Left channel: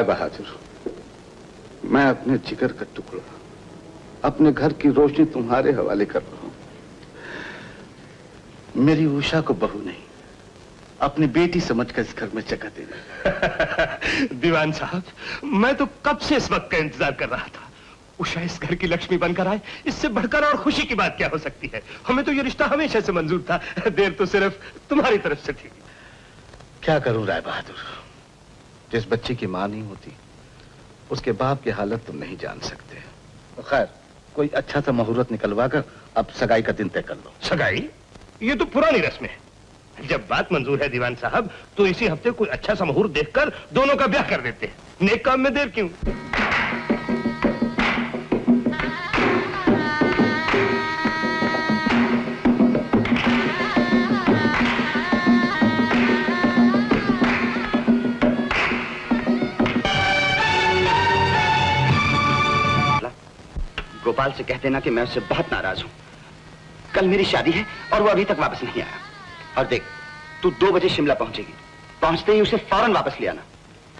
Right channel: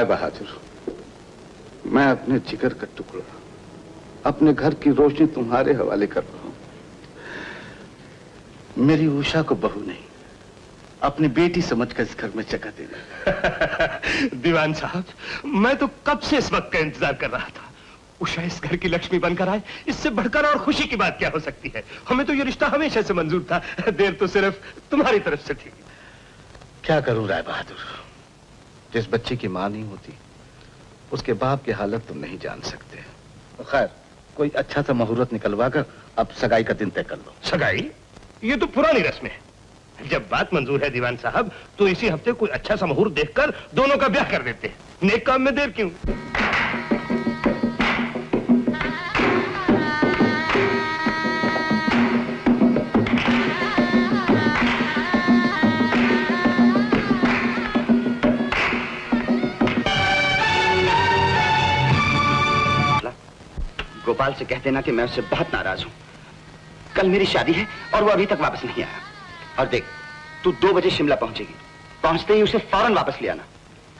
राय बहादुर, मैं अपने जिगर का टुकड़ा, अपने घर की रोशनी तुम्हारे हवाले कर रहा हूं। मेरी उषा को बहू नहीं, अपनी बेटी समझकर इस घर में जगह देना। दीवान साहब, मैं तो कब से इस वक्त का इंतजार कर रहा था। उषा इस घर की लक्ष्मी बनकर आए, इससे बढ़कर और खुशी की बात क्या हो सकती है। हमें तो ये रिश्ता हमेशा से मंजूर था, देर तो सिर्फ तुम्हारी तरफ से थी। क्या करूं राय बहादुर, जिस बच्ची की मां नहीं होती उसके बाप की हालत तुम नहीं जान सकते। खैर, कोई अच्छा सा मुहूर्त निकलवा कर अब सगाई का दिन तय कर लो। सगाई? ये तो पुरानी रस्म है। जब बात मंजूर है दीवान साहब, तो इसी हफ्ते कोई अच्छा सा मुहूर्त देखकर दोनों का ब्याह कर देते हैं। नेक काम में देर क्यों? गोपाल से कहते ना कि मैं उससे बहुत नाराज हूं। कल मेरी शादी है और वो अभी तक वापस नहीं आया। और देख, तू 2 बजे शिमला पहुंचेगी, पहुंचते ही उसे फौरन वापस ले आना।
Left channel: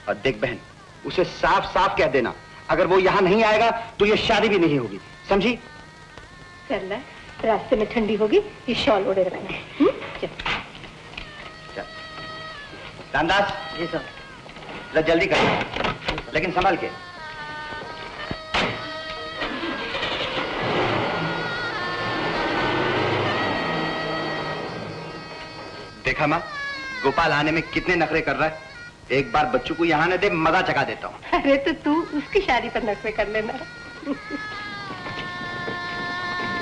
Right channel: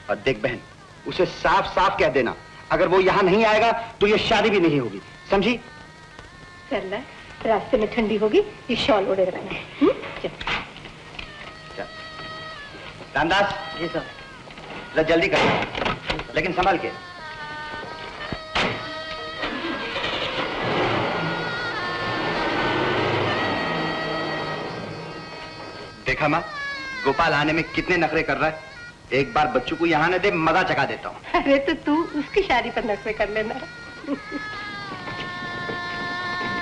और देख बहन, उसे साफ साफ कह देना, अगर वो यहाँ नहीं आएगा तो ये शादी भी नहीं होगी, समझी? रास्ते में ठंडी होगी, ये शॉल ओढ़े रहना। रामदास, ये सब जल्दी कर, लेकिन संभल के। देखा माँ, गोपाल आने में कितने नखरे कर रहा है। एक बार बच्चों को यहाँ न दे, मजा चका देता हूँ। अरे तो तू उसकी शादी पर नखरे कर लेना।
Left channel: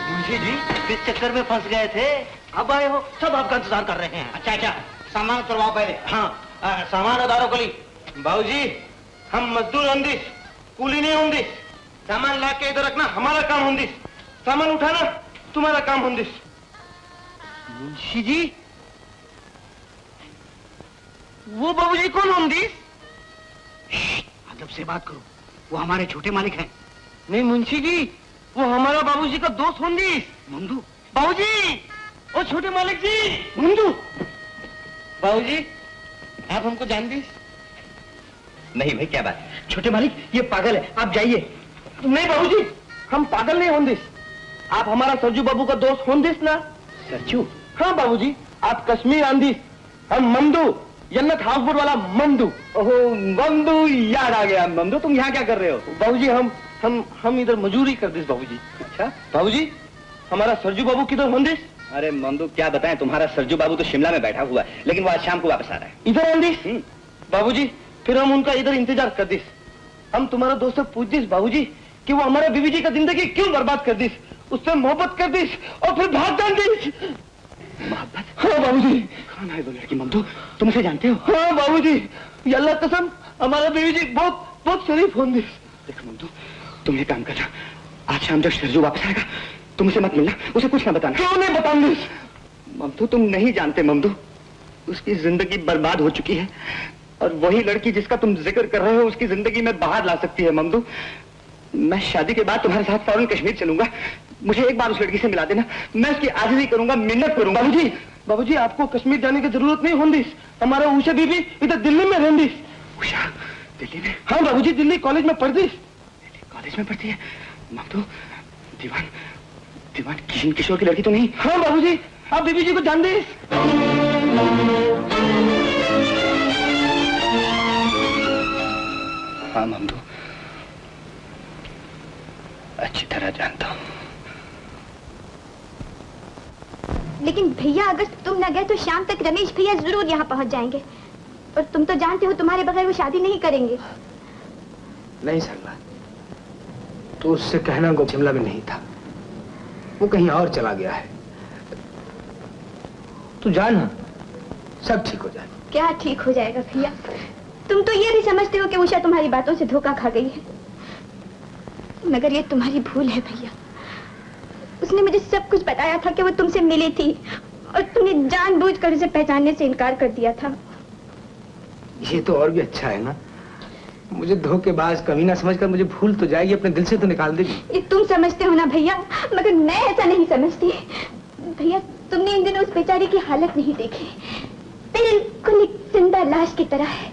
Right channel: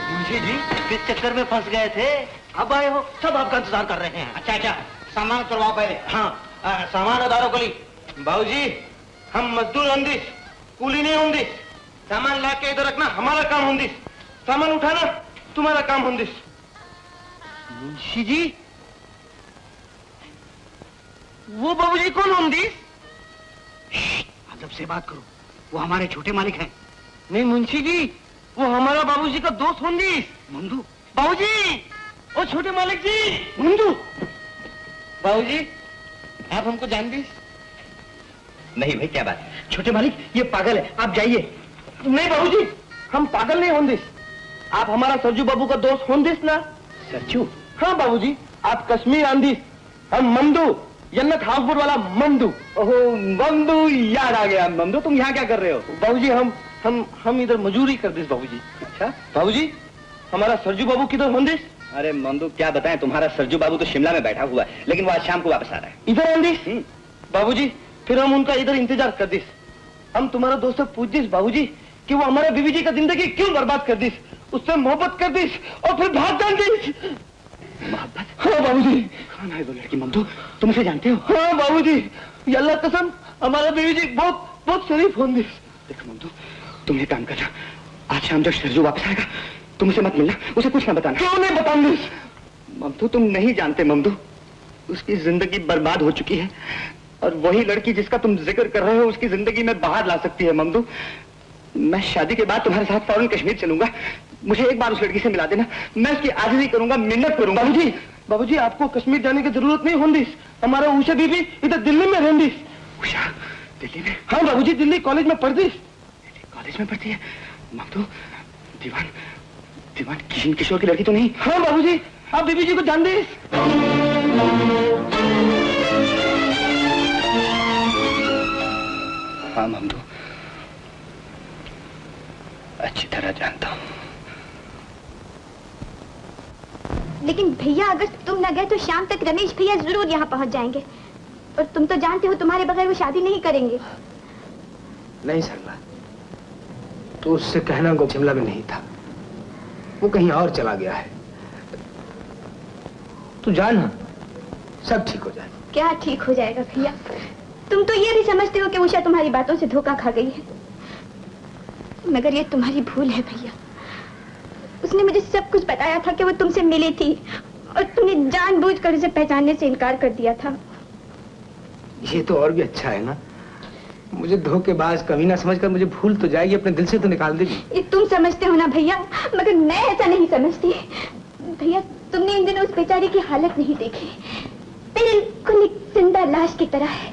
मुंशी जी, किस चक्कर में फंस गए थे? अब आए हो, सब आपका इंतजार कर रहे हैं। अच्छा अच्छा, सामान करवाओ पहले। हाँ, सामान उतारो करी। बाबूजी, हम मजदूर होंगे, कूली नहीं होंगे। सामान ला के इधर रखना हमारा काम होंगे, सामान उठाना तुम्हारा काम होंगे। मुंशी जी, वो बाबूजी कौन होंगी? अदब से बात करो, वो हमारे छोटे मालिक हैं। नहीं मुंशी जी, वो हमारा बाबूजी का दोस्त होंगी। मंदू बाबूजी, ओ छोटे मालिक जी, मंदू बाबूजी, आप हमको जानते? नहीं भाई, क्या बात? छोटे मालिक, ये पागल है, आप जाइए। नहीं बाबूजी, हम पागल नहीं होंगे। आप हमारा सरजू बाबू का दोस्त होंगे ना? सरजू? हाँ बाबूजी, आप कश्मीर आंधी, हम मंदू, जन्नत हाफुर वाला मंदू। ओहो मंदू, याद आ गया। मंदू, तुम यहाँ क्या कर रहे हो? बाबूजी, हम इधर मजूरी करते बाबूजी। अच्छा बाबूजी, हमारा सरजू बाबू किधर होंगे? अरे मंदू, क्या बताएं, तुम्हारा सरजू बाबू तो शिमला में बैठा हुआ है, लेकिन वो आज शाम को वापस आ रहा है। इधर होंगे? बाबूजी, फिर हम उनका इधर इंतजार कर दिस। हम तुम्हारा दोस्त पूछ दिस बाबूजी कि वो हमारे बीवी जी का जिंदगी क्यों बर्बाद कर दिस, उससे मोहब्बत कर दिस और फिर भाग जाएंगे। हाँ बाबूजी। लड़की मंदू, तुम उसे जानते हो? हाँ बाबूजी, ये अल्लाह कसम, हमारा बीवी जी बहुत शरीफ होंगे। देख मंदू, तुम ये काम करना, आज शाम जब सरजू वापस आएगा तुम उसे मत मिलना, उसे कुछ ना बताना। क्यों नहीं बताऊंगी? मंदू, तुम नहीं जानते मंदू, उसकी जिंदगी बर्बाद हो चुकी है और वही लड़की जिसका तुम जिक्र कर रहे हो उसकी जिंदगी में बाहर ला सकती है। मंदू, मैं शादी के बाद तुम्हारे साथ फौरन कश्मीर चलूंगा, मुझे एक बार उस लड़की से मिला देना, मैं उसकी आजिज़ी करूंगा, मिन्नत करूंगा। बाबूजी, आपको कश्मीर जाने की जरूरत नहीं होगी, हमारा उषा बीबी इधर दिल्ली में रहेंगी। उषा दिल्ली में? हाँ बाबूजी, दिल्ली कॉलेज में पढ़ती। कॉलेज में पढ़ती है? मंदू, दीवान किशोर की लड़की तो नहीं? हाँ बाबूजी, आप बीबी जी को जानते? हाँ मंदू, अच्छी तरह जानता हूँ। लेकिन भैया, अगर तुम न गए तो शाम तक रमेश भैया जरूर यहाँ पहुँच जाएंगे, और तुम तो जानते हो तुम्हारे बगैर वो शादी नहीं करेंगे। नहीं सरला, तो उससे कहना वो शिमला में नहीं था, वो कहीं और चला गया है। तू जाना, सब ठीक हो जाए। क्या ठीक हो जाएगा भैया? तुम तो ये भी समझते हो कि उषा तुम्हारी बातों से धोखा खा गई है, मगर ये तुम्हारी भूल है भैया। उसने मुझे सब कुछ बताया था कि वो तुमसे मिली थी और तुमने जानबूझकर उसे पहचानने से इनकार कर दिया था। ये तो और भी अच्छा है ना, मुझे धोखेबाज कभी ना समझकर मुझे भूल तो जाएगी, अपने दिल से तो निकाल देगी। ये तुम समझते हो ना भैया, मगर मैं ऐसा नहीं समझती। भैया, तुमने इन दिनों उस बेचारी की हालत नहीं देखी, बिल्कुल एक जिंदा लाश की तरह है,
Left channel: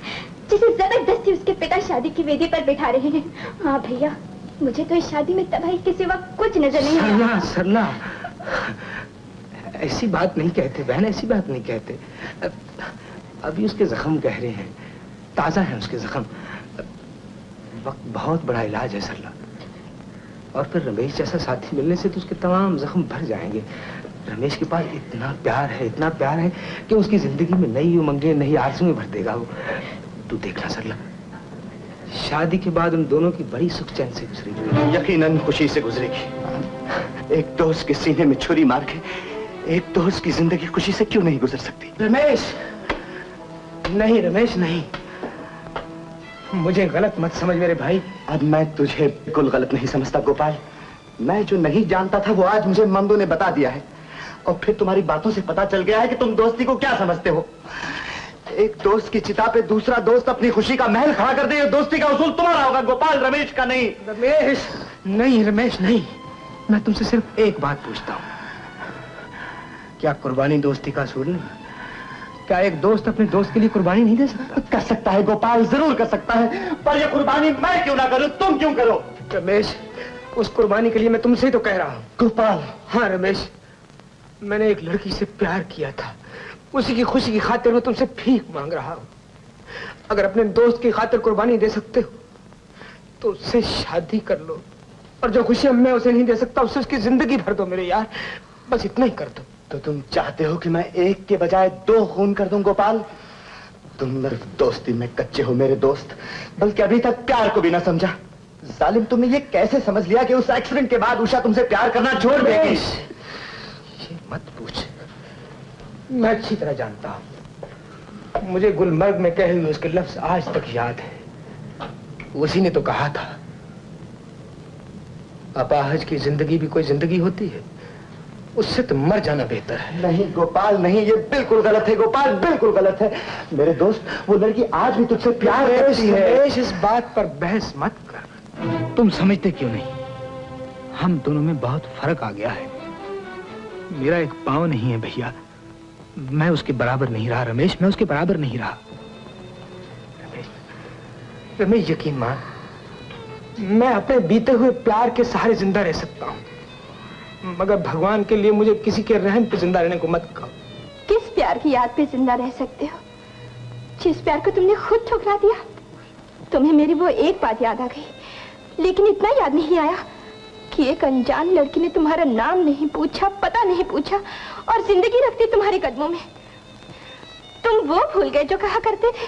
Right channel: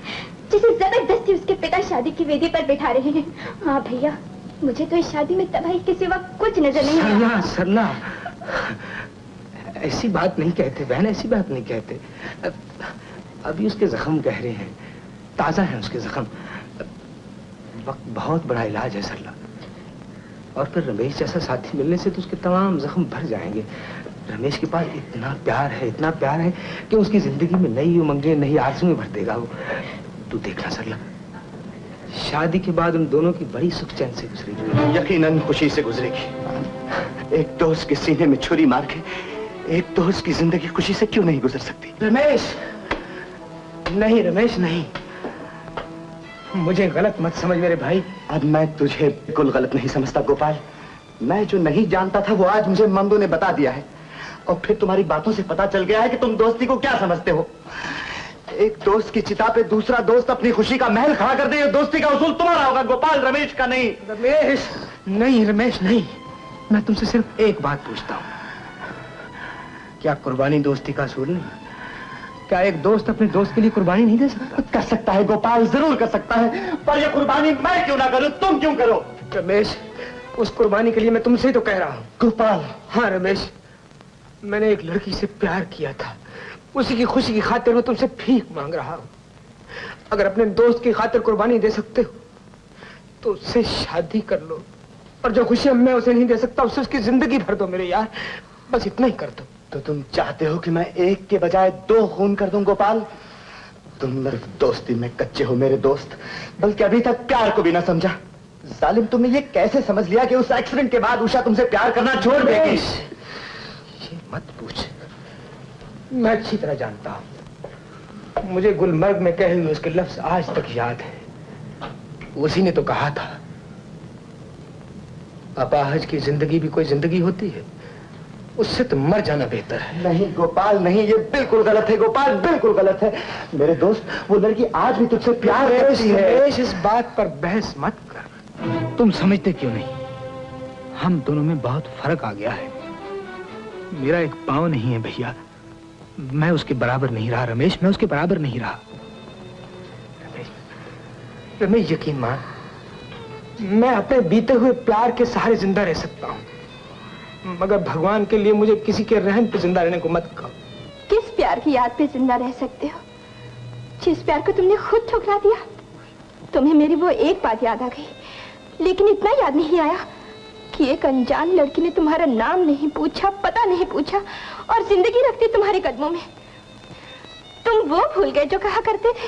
जिसे जबरदस्ती उसके पिता शादी की वेदी पर बिठा रहे हैं। हाँ भैया, मुझे तो इस शादी में तबाही के सिवा कुछ नजर नहीं आता। सरला, सरला, ऐसी बात नहीं कहते बहन, ऐसी बात नहीं कहते। अभी उसके जख्म गहरे हैं, ताजा है उसके जख्म। वक्त बहुत बड़ा इलाज है सरला। और फिर रमेश जैसा साथी मिलने से तो उसके तमाम जख्म भर जाएंगे। रमेश के पास इतना प्यार है कि उसकी जिंदगी में नई उमंगें, नई आरज़ुएं भर देगा वो। तू देखना सरला, शादी के बाद उन दोनों की बड़ी सुख चैन से गुजरेगी। यकीनन खुशी से गुजरेगी। एक दोस्त के सीने में छुरी मार के एक दोस्त की जिंदगी खुशी से क्यों नहीं गुजर सकती? रमेश नहीं, रमेश नहीं, मुझे गलत मत समझ मेरे भाई। अब मैं तुझे बिल्कुल गलत नहीं समझता गोपाल। मैं जो नहीं जानता था वो आज मुझे मंदू ने बता दिया है। और फिर तुम्हारी बातों से पता चल गया है कि तुम दोस्ती को क्या समझते हो। एक दोस्त की चिता पे दूसरा दोस्त अपनी खुशी का महल खड़ा कर दे, दोस्ती का उसूल तुम्हारा होगा गोपाल, रमेश का नहीं। रमेश नहीं, रमेश नहीं, मैं तुमसे सिर्फ एक बात पूछता हूँ, क्या कुर्बानी दोस्ती का असूल नहीं? क्या एक दोस्त अपने दोस्त के लिए कुर्बानी नहीं दे सकता? कर सकता है गोपाल, जरूर कर सकता है, पर यह कुर्बानी मैं क्यों ना करूं, तुम क्यों करो? रमेश, उस कुर्बानी के लिए मैं तुमसे ही तो कह रहा हूँ। गोपाल, हाँ रमेश, मैंने एक लड़की से प्यार किया था, उसी की खुशी की खातिर वो तुमसे भीख मांग रहा हूँ। अगर अपने दोस्त की खातिर कुर्बानी दे सकते हो तो उससे शादी कर लो, और जो खुशी मैं उसे नहीं दे सकता उससे उसकी जिंदगी भर दो मेरे यार, बस इतना ही कर दो। तो तुम चाहते हो कि मैं एक के बजाय दो खून कर दूं गोपाल? तुम मेरी दोस्ती में कच्चे हो मेरे दोस्त, बल्कि अभी तक प्यार को भी ना समझा। जालिम, तुमने ये कैसे समझ लिया कि उस एक्सीडेंट के बाद उषा तुमसे प्यार करना छोड़ देगी? ये मत पूछ, मैं अच्छी तरह जानता हूं। मुझे गुलमर्ग में कहे हुए उसके लफ्ज आज तक याद है। उसी ने तो कहा था, अपाहज की जिंदगी भी कोई जिंदगी होती है, उससे तो मर जाना बेहतर है। नहीं गोपाल नहीं, ये बिल्कुल गलत है गोपाल, बिल्कुल गलत है मेरे दोस्त। वो लड़की आज भी तुझसे प्यार करती है। इस बात पर बहस मत कर। तुम समझते क्यों नहीं, हम दोनों में बहुत फर्क आ गया है। मेरा एक पाँव नहीं है भैया, मैं उसके बराबर नहीं रहा रमेश, मैं उसके बराबर नहीं रहा। रमेश यकीन मान, मैं अपने बीते हुए प्यार के सहारे जिंदा रह सकता हूँ, मगर भगवान के लिए मुझे किसी के रहम पे जिंदा रहने को मत कहो। किस प्यार की याद पे जिंदा रह सकते हो, जिस प्यार को तुमने खुद ठुकरा दिया? तुम्हें मेरी वो एक बात याद आ गई, लेकिन इतना याद नहीं आया कि एक अनजान लड़की ने तुम्हारा नाम नहीं पूछा, पता नहीं पूछा, और जिंदगी रखती तुम्हारे कदमों में। तुम वो भूल गए जो कहा करते थे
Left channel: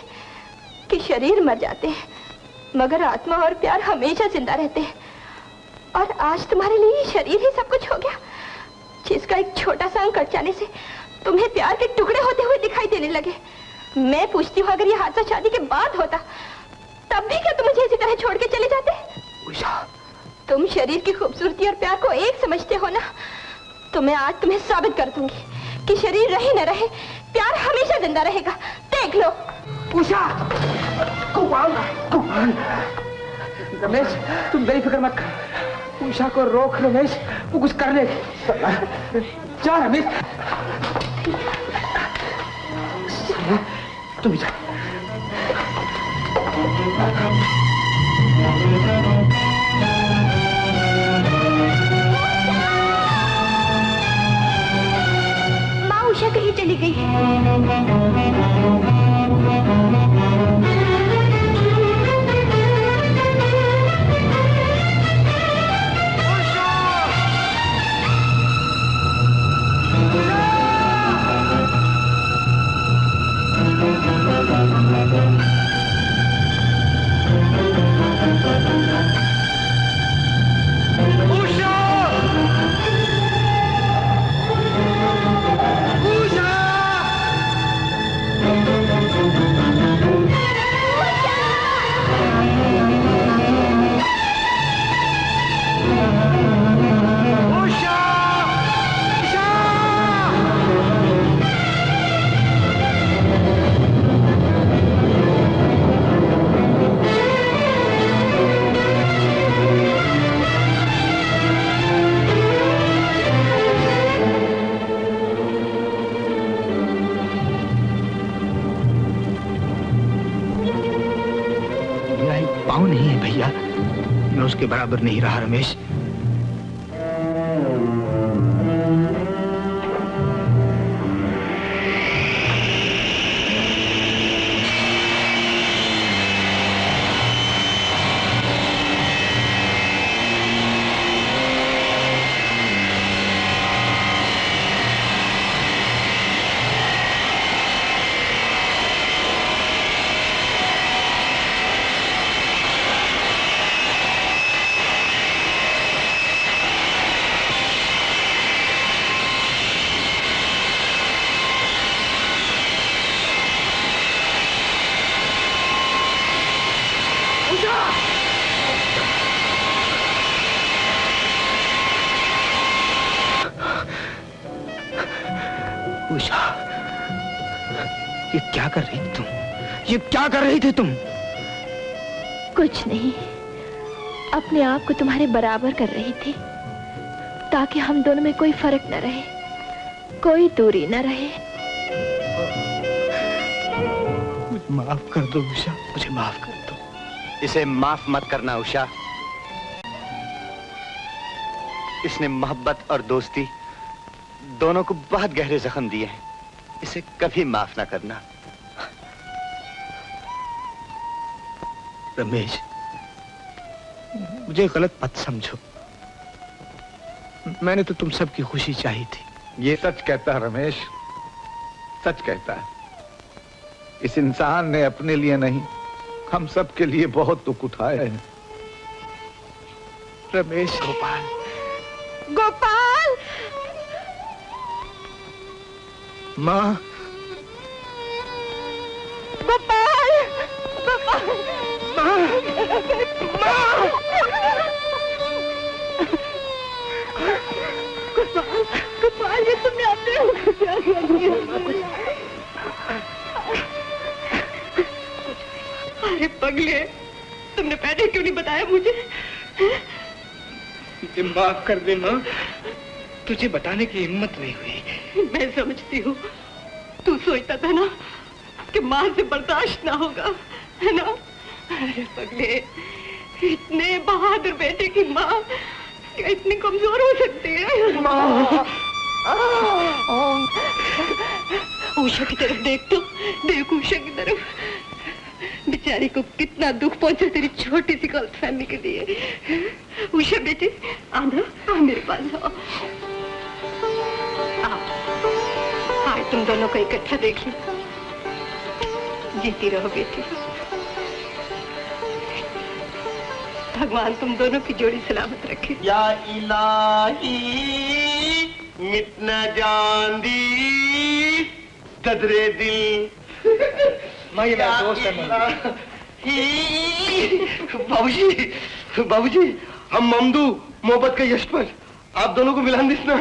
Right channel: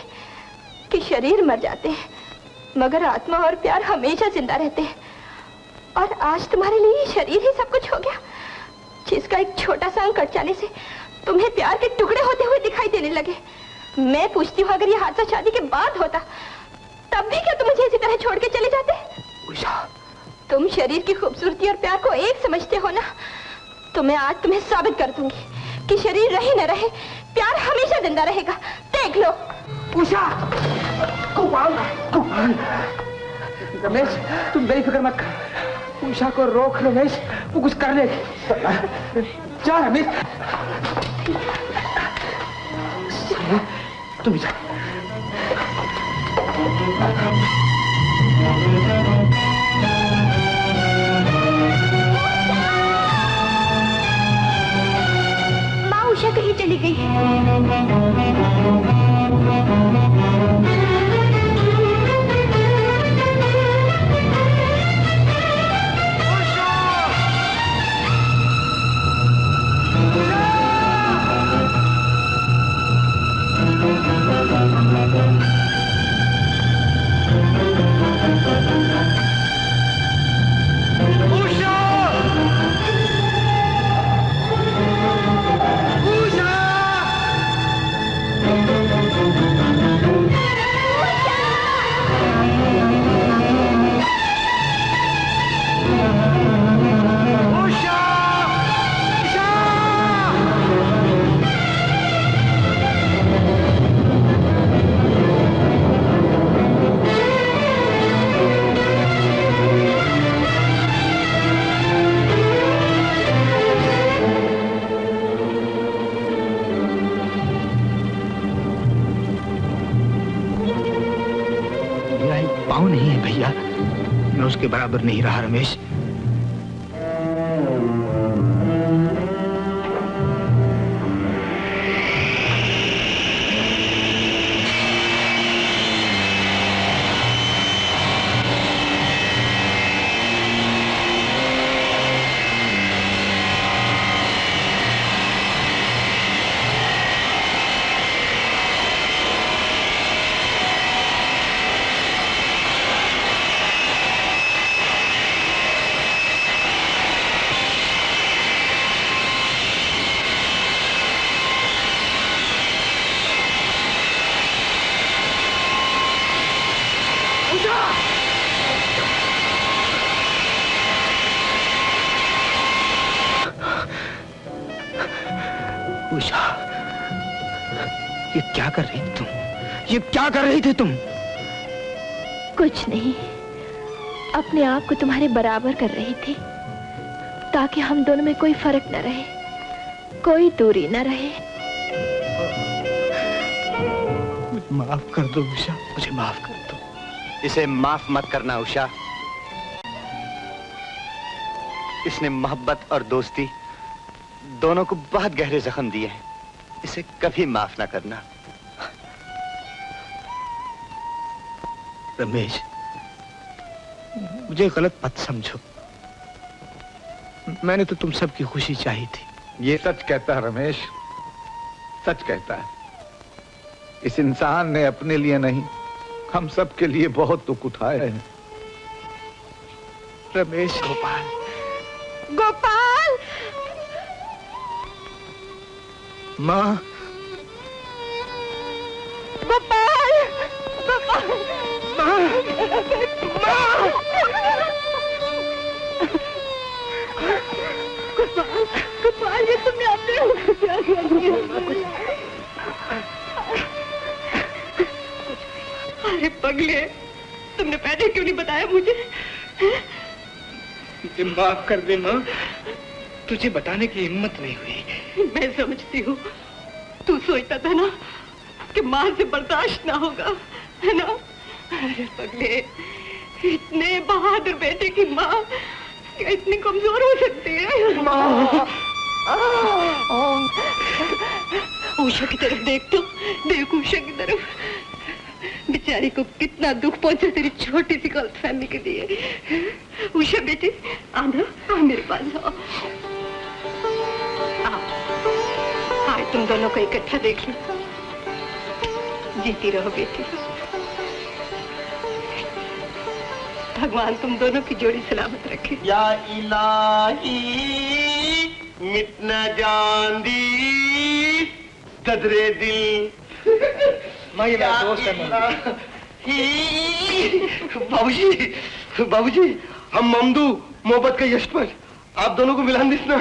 कि शरीर मर जाते हैं मगर आत्मा और प्यार हमेशा जिंदा रहते हैं। और आज तुम्हारे लिए शरीर ही सब कुछ हो गया, जिसका एक छोटा सा अंग कट जाने से तुम्हें प्यार के टुकड़े होते हुए दिखाई देने लगे। मैं पूछती हूँ, अगर ये हादसा शादी के बाद होता तब भी क्या तुम मुझे इसी तरह छोड़ के चले जाते? उषा, तुम शरीर की खूबसूरती और प्यार को एक समझते हो ना, तो मैं आज तुम्हें साबित कर दूंगी कि शरीर रहे न रहे, प्यार हमेशा जिंदा रहेगा। देख लो। उषा, रमेश, तुम बेफिक्र मत कर, उषा को रोक रमेश, वो कुछ कर ले। जा रमेश, तुम जा। माँ उषा कहीं चली गई। उषा! उसके बराबर नहीं रहा रमेश। उषा, ये क्या कर रही थी तुम? ये क्या कर रही थी तुम? कुछ नहीं, अपने आप को तुम्हारे बराबर कर रही थी ताकि हम दोनों में कोई फर्क न रहे, कोई दूरी न रहे। माफ कर दो उषा, मुझे माफ कर दो। इसे माफ मत करना उषा। इसने मोहब्बत और दोस्ती दोनों को बहुत गहरे जख्म दिए। इसे कभी माफ ना करना। रमेश, मुझे गलत मत समझो। मैंने तो तुम सबकी खुशी चाही थी। ये सच कहता है रमेश, सच कहता है। इस इंसान ने अपने लिए नहीं, हम सब के लिए बहुत दुख उठाए हैं। रमेश, गोपाल, गोपाल! माँ, गोपाल! गोपाल! गोपाल, ये तुमने अरे पगले, तुमने पहले क्यों नहीं बताया मुझे? मुझे माफ कर दे माँ, तुझे बताने की हिम्मत नहीं हुई। मैं समझती हूँ, तू सोचता था ना कि माँ से बर्दाश्त ना होगा, है ना? अरे पगले, इतने बहादुर बेटे की माँ क्या इतनी कमजोर हो सकती है? उषा की तरफ देख तो, देख उषा की तरफ। बेचारी को कितना दुख पहुंचा तेरी छोटी सी गलतफहमी के लिए। उषा बेटी, आओ मेरे पास आओ। आज तुम दोनों को इकट्ठा देख लो। जीती रहो बेटी। भगवान तुम दोनों की जोड़ी सलामत रखे। या इलाही मिट न जान दी कदरे दिल। माँ, ये मेरा दोस्त है। बाबूजी, बाबूजी, हम ममदू मोहब्बत के यश पर आप दोनों को मिलान दिसना।